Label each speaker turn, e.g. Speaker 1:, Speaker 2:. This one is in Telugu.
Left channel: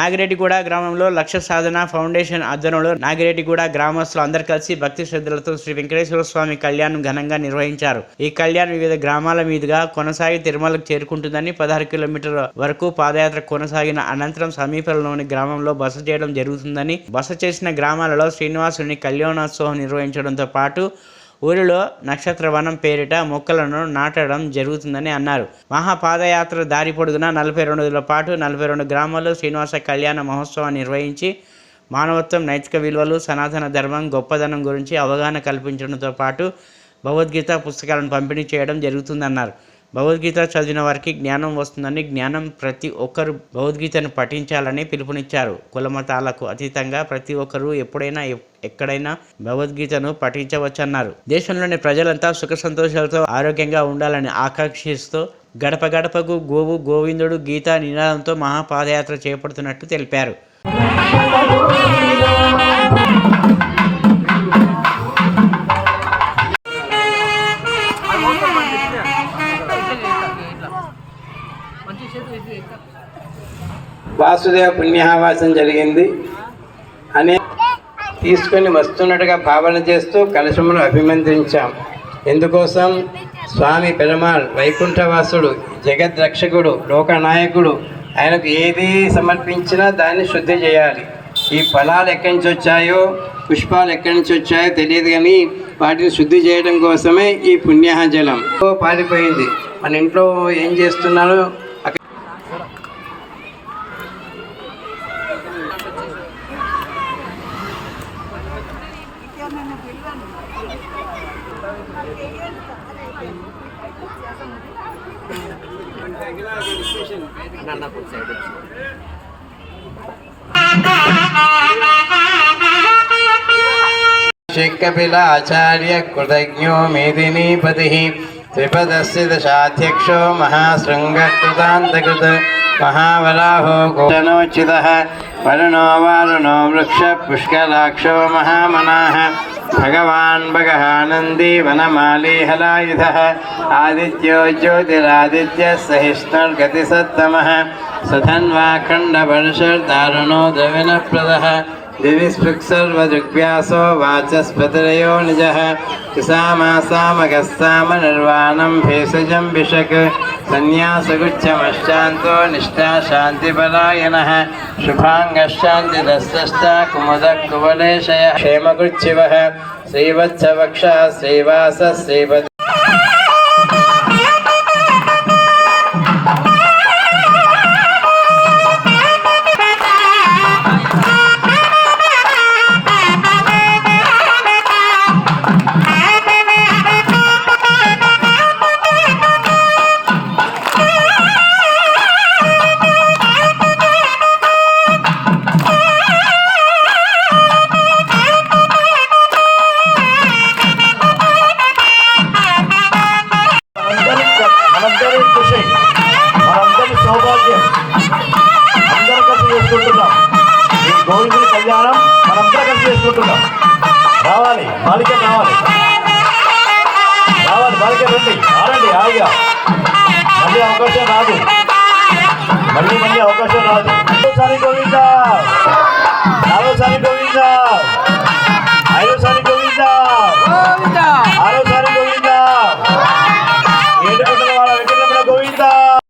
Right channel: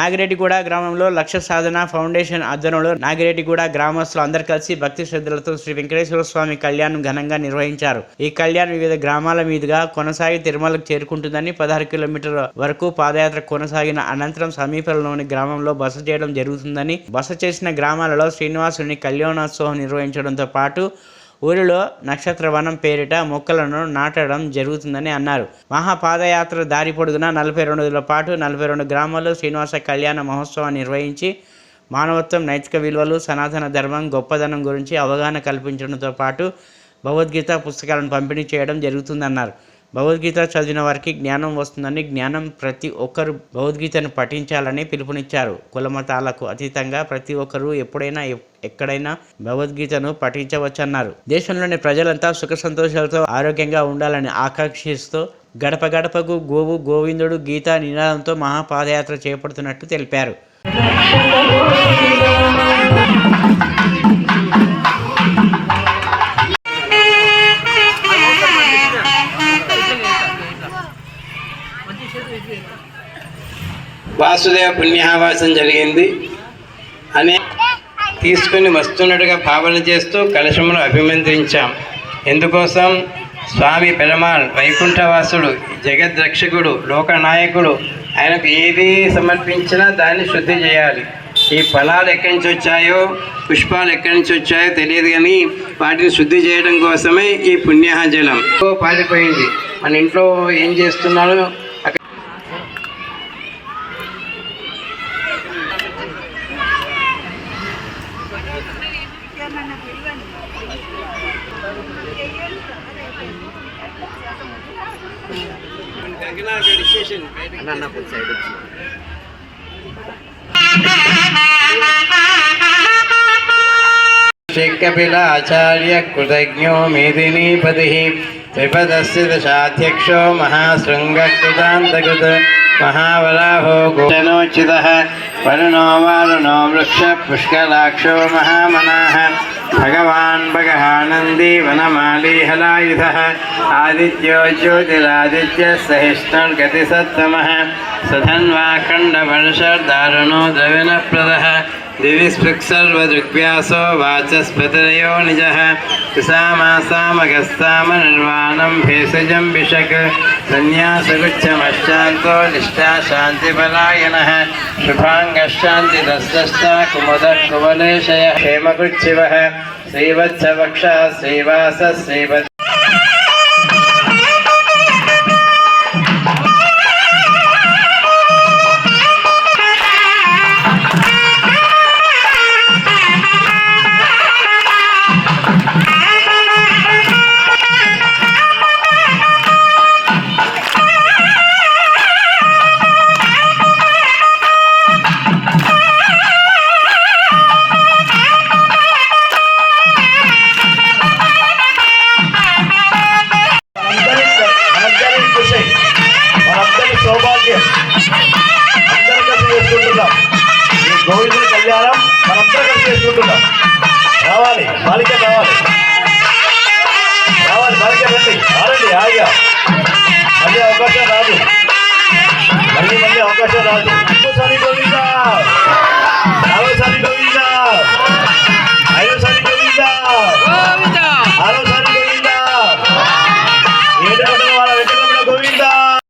Speaker 1: నాగిరెడ్డిగూడ గ్రామంలో లక్ష్య సాధన ఫౌండేషన్ ఆధ్వర్యంలో నాగిరెడ్డిగూడ గ్రామస్తులు అందరు కలిసి భక్తి శ్రద్ధలతో శ్రీ వెంకటేశ్వర స్వామి కళ్యాణం ఘనంగా నిర్వహించారు. ఈ కళ్యాణం వివిధ గ్రామాల మీదుగా కొనసాగి తిరుమలకు చేరుకుంటుందని పదహారు కిలోమీటర్ల వరకు పాదయాత్ర కొనసాగిన అనంతరం సమీపంలోని గ్రామంలో బస చేయడం జరుగుతుందని బస చేసిన గ్రామాలలో శ్రీనివాసుని కళ్యాణోత్సవం నిర్వహించడంతో పాటు ఊరిలో నక్షత్ర వనం పేరిట మొక్కలను నాటడం జరుగుతుందని అన్నారు. మహాపాదయాత్ర దారి పొడుగున నలభై రెండు రోజుల పాటు నలభై రెండు గ్రామాల్లో శ్రీనివాస కళ్యాణ మహోత్సవం నిర్వహించి మానవత్వం నైతిక విలువలు సనాతన ధర్మం గొప్పదనం గురించి అవగాహన కల్పించడంతో పాటు భగవద్గీత పుస్తకాలను పంపిణీ చేయడం జరుగుతుందన్నారు. భగవద్గీత చదివిన వారికి జ్ఞానం వస్తుందని జ్ఞానం ప్రతి ఒక్కరు భగవద్గీతను పఠించాలని పిలుపునిచ్చారు. కులమతాలకు అతీతంగా ప్రతి ఒక్కరూ ఎప్పుడైనా ఎక్కడైనా భగవద్గీతను పఠించవచ్చన్నారు. దేశంలోని ప్రజలంతా సుఖ సంతోషాలతో ఆరోగ్యంగా ఉండాలని ఆకాంక్షిస్తూ గడప గడపకు గోవు గోవిందుడు గీత నినాదంతో మహాపాదయాత్ర చేపడుతున్నట్టు తెలిపారు.
Speaker 2: వాసుదేవ పుణ్యావాసం జరిగింది. అనే తీసుకొని వస్తున్నట్టుగా భావన చేస్తూ కలశమును అభిమంత్రించాం. ఎందుకోసం? స్వామి పెరమాల్ వైకుంఠవాసుడు జగద్రక్షకుడు లోకనాయకుడు ఆయనకు ఏది సమర్పించినా దాన్ని శుద్ధి చేయాలి. ఈ ఫలాలు ఎక్కడి నుంచి వచ్చాయో పుష్పాలు ఎక్కడి నుంచి వచ్చాయో తెలియదు కానీ వాటిని శుద్ధి చేయడం కోసమే ఈ పుణ్యాహజలం పారిపోయింది. మన ఇంట్లో ఏం చేస్తున్నారో అక్కడ कपिलाचार्य कृतज्ञो मेदिनीपतिः त्रिपदस्य दशाध्यक्षो महाशृङ्गकृतान्तकृत महावराहो गोचनोचितः वरुणो वारुणो वृक्षपुष्कलाक्षो महामनाः भगवान् भगहानन्दी वनमाली हलायुधः आदित्यो ज्योतिरादित्यः सहिष्णुर्गतिसत्तमः सधन्वाखण्डवर्षर्दारुणो द्रविणप्रदः दिविस्पृक्सर्वदृग्व्यासो वाचस्पतिरयो निजः। सामासामगस्साम निर्वाणं भेषजं विशक् निष्ठा निष्ठाशान्तिपरायणः शुभाङ्गश्चान्तिरस्तश्च कुमुदः कुवलेशय। क्षेमगुच्छिवः। श्रीवत्सवक्षः। श्रीवासः। श्रीवत्
Speaker 3: సౌభాగ్యం అందరం కలిసి చేసుకుంటున్నాం ఈ గోవిందుడి కళ్యాణం మనందరం కలిసి చేసుకుంటున్నాం రావాలి బాలిక కావాలి. రావాలి బాలిక రండి. రాలండి హాయిగా మళ్ళీ అవకాశం రాదు.